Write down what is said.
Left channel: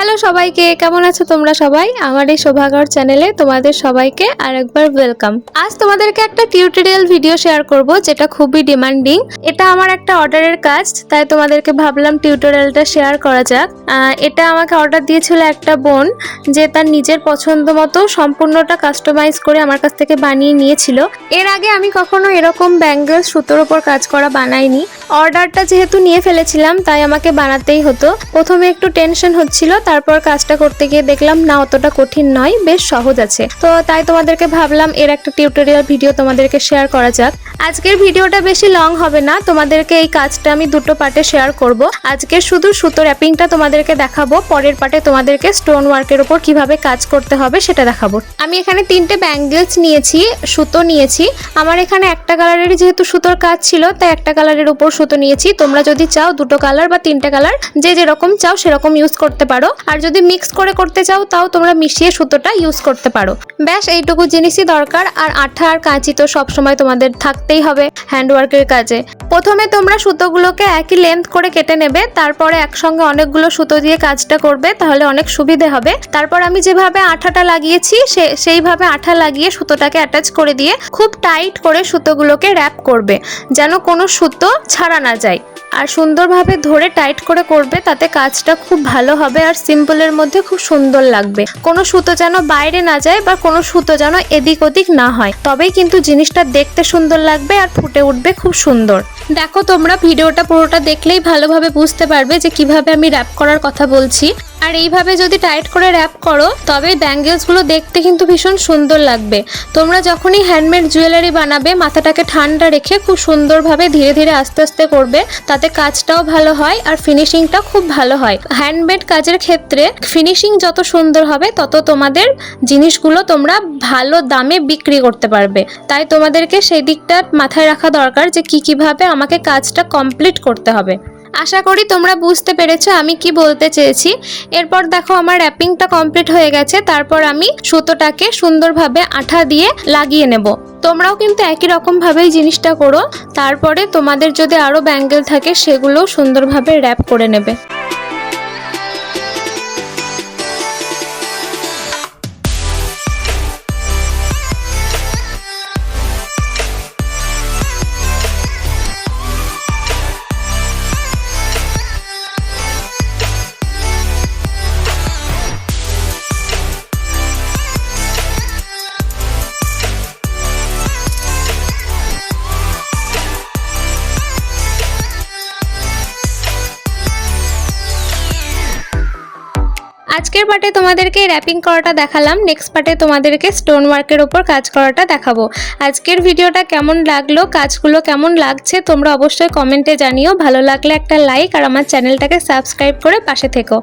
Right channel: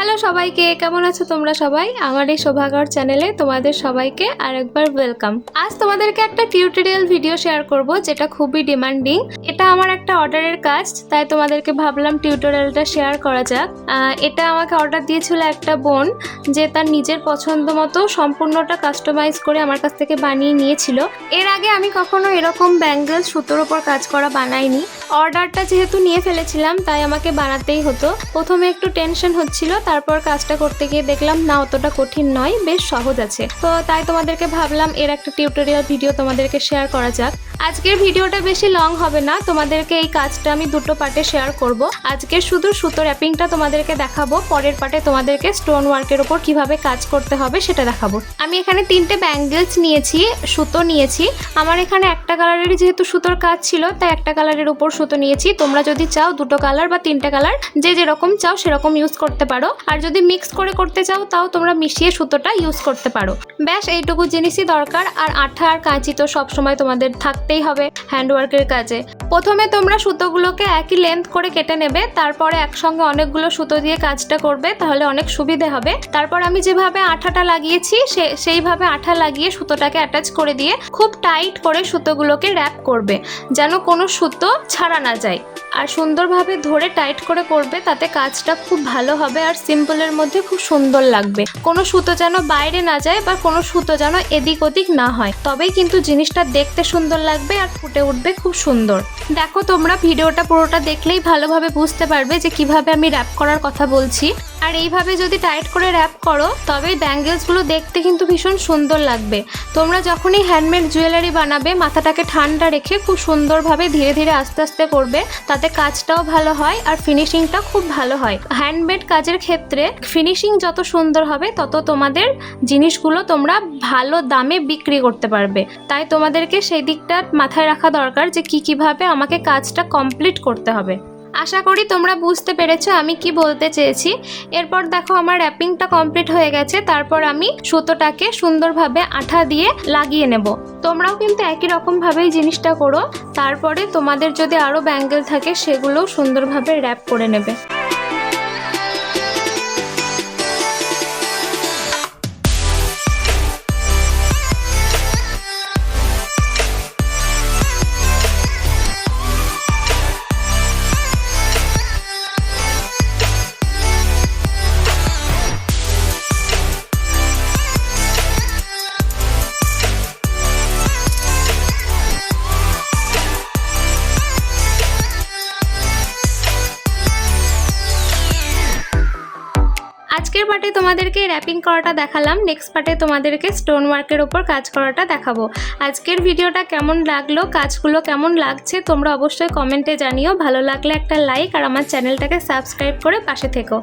Hello সবাইকে, কেমন আছো তোমরা সবাই? আমার এই শোভাগর চ্যানেলে তোমাদের সবাইকে আরেকবার ওয়েলকাম। আজ তোমাদেরকে একটা টিউটোরিয়াল ভিডিও শেয়ার করব যেটা খুবই ডিমান্ডিং। এটা আমার একটা অর্ডারের কাজ, তাই তোমাদেরকে ভাবলাম টিউটোরিয়ালটা শেয়ার করা যাক। এটা আমাকে অর্ডার দিয়েছিল একটা বোন, যে তার নিজের পছন্দ মতো সম্পূর্ণটা কাস্টমাইজ করে আমার কাছ থেকে বানিয়ে নিয়েছিল। এর আগে আমি কখনো এরকম ব্যাঙ্গেল সুতোর উপর কাজ করা বানাইনি। অর্ডারটা যেহেতু নিয়ে ফেলেছিলাম তাই আমাকে বানাতেই হতো। প্রথমে একটু টেনশন হচ্ছিল, তারপর কাজটা করতে গিয়ে দেখলাম না অতটা কঠিন নয়, বেশ সহজ আছে। তো তাই তোমাদেরকে ভাবলাম এর একটা টিউটোরিয়াল ভিডিও তোমাদেরকে শেয়ার করা যাক। আজকের ভিডিওটা বেশি লং হবে না, তোমাদেরকে এই কাজটা আমি দুটো পার্টে শেয়ার করব। আজকে শুধু সুতো র্যাপিংটা তোমাদেরকে দেখাবো, পরের পার্টে তোমাদেরকে স্টোন ওয়ার্কের উপর কিভাবে কাজ করতে হবে সেটা দেখাবো। আমি এখানে 3টে ব্যাঙ্গেলস নিয়েছি, সুতো নিয়েছি। আমার এখানে একটা কালারেরই যেহেতু সুতোর কাজ ছিল তাই একটা কালারের উপর সুতো নিয়েছি। তোমরা যদি চাও 2টো কালার বা 3টে কালার যে যেরকম চাও সেরকম ইউজ করতে পারো, আর যদি মিক্স করে করতে চাও তাও তোমরা মিশিয়ে সুতোটা ইউজ করতে পারো। ব্যাস এইটুকু জিনিসই দরকার। আর আঠা আর কাঁচি তো সবসময় তোমাদের থাকতেই হবে হ্যান্ডওয়ার্কের কাজে। প্রথমে তোমরা সুতোগুলোকে একই লেন্থ করে কেটে নেবে, তারপরে একসঙ্গে অনেকগুলো সুতো দিয়ে কাজটা করবে, তাহলে অনেক সুবিধে হবে। তারপর আমি যেভাবে আঠাটা লাগিয়েছি সেইভাবে আঠা লাগিয়ে সুতোটাকে অ্যাটাচ করে দিয়ে খুব টাইট করে সুতোগুলোকে র্যাপ করবে, যেন কোনো সুতো ছাড়া না যায়। আর সুন্দরভাবে ধরে টাইট করে করবে, তাতে কাজটা খুব ভালো হবে আর সিম্পলের মধ্যে খুব সুন্দর লাগবে। কোনো সুতো যেন বাইরে না যায় বা কোনো সুতো যেন এদিক ওদিক না হয়, তবেই কিন্তু জিনিসটা দেখতে সুন্দর লাগবে আর ফুটে উঠবে খুব সুন্দর। দেখো তোমরা ভিডিওটা পুরোটা দেখলেই ভালোভাবে বুঝতে পারবে যে কিভাবে আমি র্যাপ করার কথা বলছি। আর এইভাবে যদি টাইট করে র্যাপ করো তবে ব্যাঙ্গেলসগুলো দেখতে কিন্তু ভীষণ সুন্দর লাগবে। তোমরা যখনই হ্যান্ডমেড জুয়েলারি বানাবে মাথাটাকে ঠান্ডা রেখে খুব সুন্দরভাবে ধীরে ধীরে আস্তে আস্তে করবে, তাতে কাজটাও ভালো হয় আর ফিনিশিংটা খুব ভালো হয়। হ্যান্ডমেড কাজের ক্ষেত্রে ফিনিশিং যত সুন্দর হবে তত তোমাদের জিনিসগুলো তোমরা ভালো দামে বিক্রি করতে পারবে। তাই তোমাদেরকে সেই দিকটা মাথায় রাখা দরকার যে কিভাবে আমাকে কাজটা কমপ্লিট করতে হবে। আশা করি তোমরা বুঝতে পেরেছো আমি কি বলতে চেয়েছি। এরপর দেখো আমার র্যাপিংটা কমপ্লিট হয়ে গেছে, তারপর আমি সুতোটাকে সুন্দরভাবে আঠা দিয়ে লাগিয়ে নেব। তোমরাও কিন্তু একই রকম ভাবেই জিনিসটা করো। তারপরে তোমাদের যদি আরো ব্যাঙ্গেল থাকে সেগুলোও সুন্দরভাবে র্যাপ করে নেবে। আজকের পার্টে তোমাদেরকে র্যাপিং করাটা দেখালাম, নেক্সট পার্টে তোমাদেরকে স্টোন ওয়ার্কের ওপর কাজ করাটা দেখাবো। আজকের ভিডিওটা কেমন লাগলো, কাজগুলো কেমন লাগছে তোমরা অবশ্যই কমেন্টে জানিও। ভালো লাগলে একটা লাইক আর আমার চ্যানেলটাকে সাবস্ক্রাইব করে পাশে থেকো।